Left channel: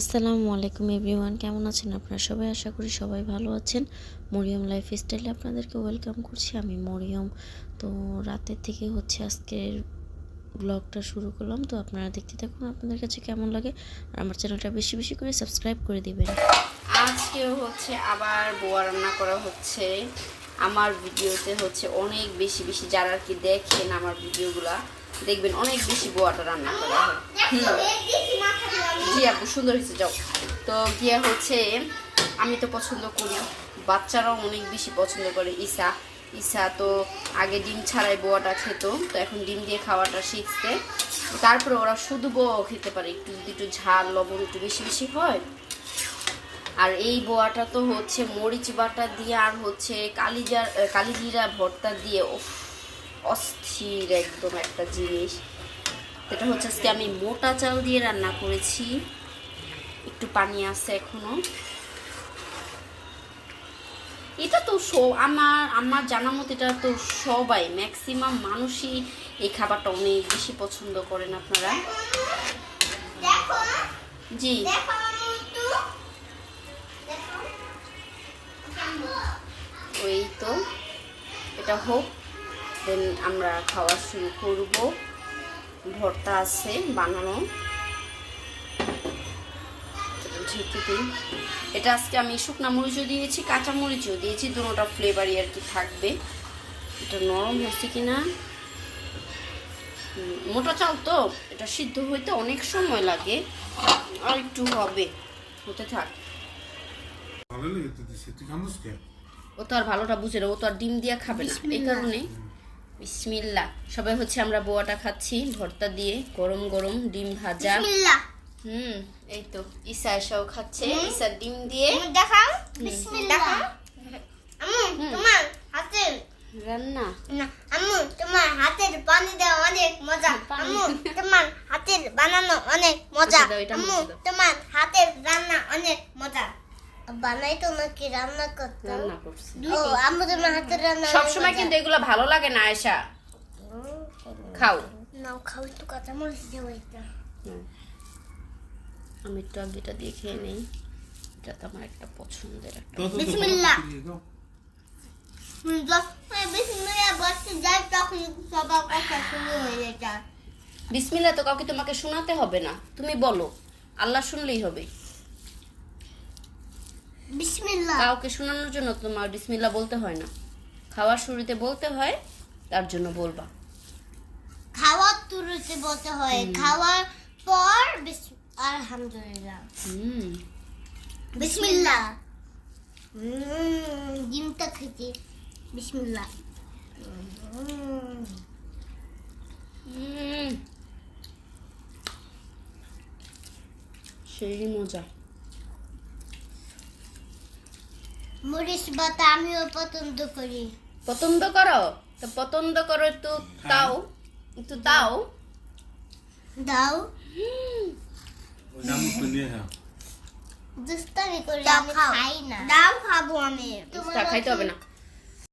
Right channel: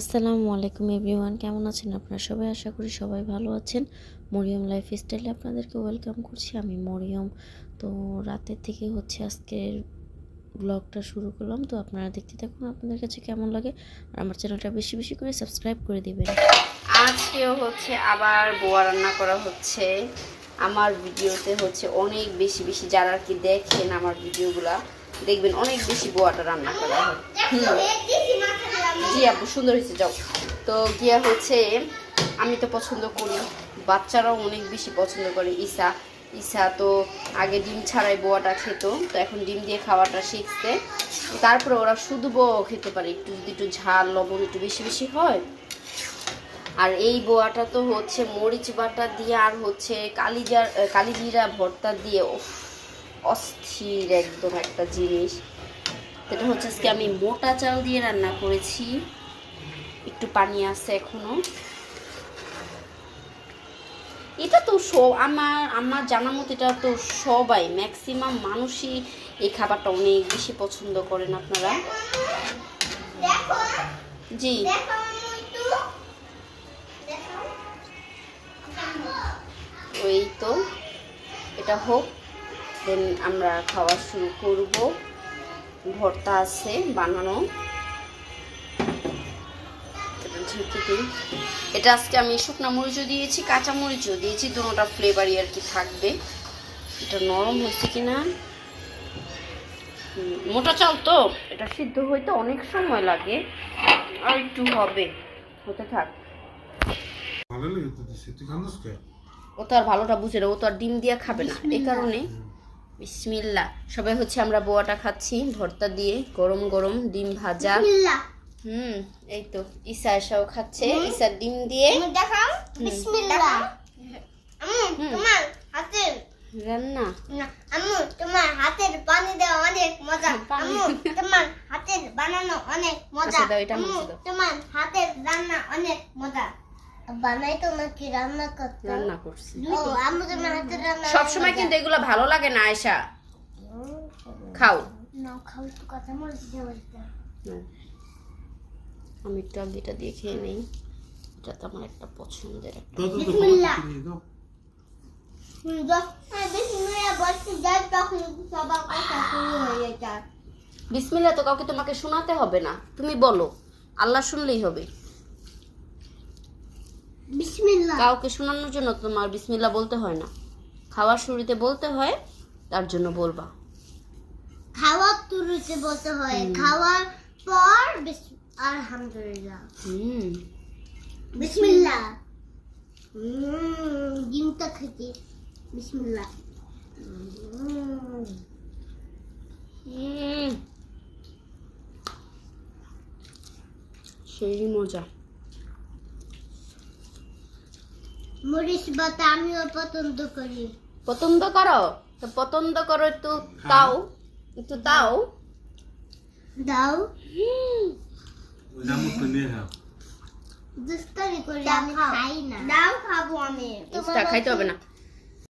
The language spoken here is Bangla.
আসসালামু আলাইকুম এভরিওয়ান, কেমন আছেন আপনারা সবাই? আশা করি সবাই ভালো আছেন। মরিয়ম লাইফস্টাইলে আপনাদেরকে ওয়েলকাম করছি। আমি মরিয়ম। তো রাতের থেকে আজকের ব্লগটা শুরু করলাম। তো আপনারা দেখতে থাকুন, আপনাদের কাছে কেমন লাগে। আর আমার চ্যানেলটা বেশি বেশি করে সাবস্ক্রাইব করে দিবেন। আজকেও আবার বোয়া রান্না করা হচ্ছে। আমার ভিডিওতে অনেক বেশি বেশি যারা আর কি দেখেন আমার ভিডিওগুলা দেখবেন অনেক বেশি বোয়াটা রান্না করা হয়। জি আপু সুন্দর হয়েছে। যাও তো গিয়া আমি তো পছন্দ করি, বাচ্চারাও অনেক বেশি পছন্দ করে। ঈশা তো আগে ডিম ছাড়াই বোয়াটা খেত, তো এখন ডিম দিয়ে খাওয়াটা শিখছে। তারপরে ওরা শুধু বোয়াও খেতে পারে, একটু যদি একটু ঝাল লবণ একটু বেশি বেশি হয়। আর এই বোয়াটা তো মরিচ বাটা দিয়ে আর কালিজিরা ভর্তা দিয়ে অস্থির একদম একটা জিনিস। এটা আজকে আমি মোটা চাল দিয়ে রান্না করেছি, একটু পানি আছে এখনো। এটা তো আমার জানা মতো এটা তো সবাই ম্যাক্সিমাম মানুষই এই খাবারটা অনেক বেশি পছন্দ করেন আপনারা। জি ওই তো এটা হোক, দেন আমরা খাওয়া শুরু করব। ভর্তা আছে বানানো, এটা আজকে আমি শুকনা মরিচও দিয়েছি, কাঁচা মরিচও দিয়েছি, দুটোটা ফ্লেভারই আর কি থাকবে। এটা নরম হচ্ছে কিনা, মোটা চাল তো এটা সিদ্ধ হইতে অনেক সময় লাগে, আর একটু হতে থাক। ও তো আর ভালোটা বুঝে না, ও তো আর ডিম দিয়া খাবে না, এই কারণে বিসমিল্লাহ। সবাই আমরা বোয়াটা খাচ্ছি ভর্তা দিয়ে, গরম গরম ডিম ভাজা। এই তো ঈশা এসাও খাচ্ছে, ঈশার ডিম দিয়ে রান্না। আম্মু তোমার হাতের পানি দেওয়া অনেক মজা। আম্মু তোমার হাতের বানানো অনেক মজা। আম্মু তোমার হাতের রান্না অনেক মজা। বানাই তো নাকি রান্না করতে? রান্না করছি। ও আম্মু তোমার হাতের রান্না সব সময় কিন্তু এগুলো ভালো লাগে না আয়েশা, খাও নাও খাও একটু কাঁচা মরিচ দিয়ে ওইটা। আমি একটু আগেটা দিয়ে খেয়ে নেই, এটা তো আমার একটা পছন্দের একটা। বিসমিল্লাহ। বিসমিল্লাহ বলতে যাই তখন সবার কথা শুরু হয়ে যায়। বিসমিল্লাহ তো কাউকে তোমাকে শোনাতে হবে না, তুমি বলো, আল্লাহ শুনলেই হবে। বিসমিল্লাহ কাউকে শোনানোর জন্য তোমার বিসমিল্লাহ বলতে হয় না, খাওয়ার শুরুতে বলতে হয়, তার জন্য বলবা। খাওয়ার শুরুতে বলতে হয়, খাওয়ার পর আলহামদুলিল্লাহ। বিসমিল্লাহ। ডিমটা খেতে বিসমিল্লাহ। সেই মজা। মরিচ বাটা আমিও পছন্দ করি। পছন্দ করো তো পছন্দ করো, একটু দাও, একটু দাও দাও। দুস্তারি করে আমি খাই না। দাও খাবো আমি। খাইতে হবে না।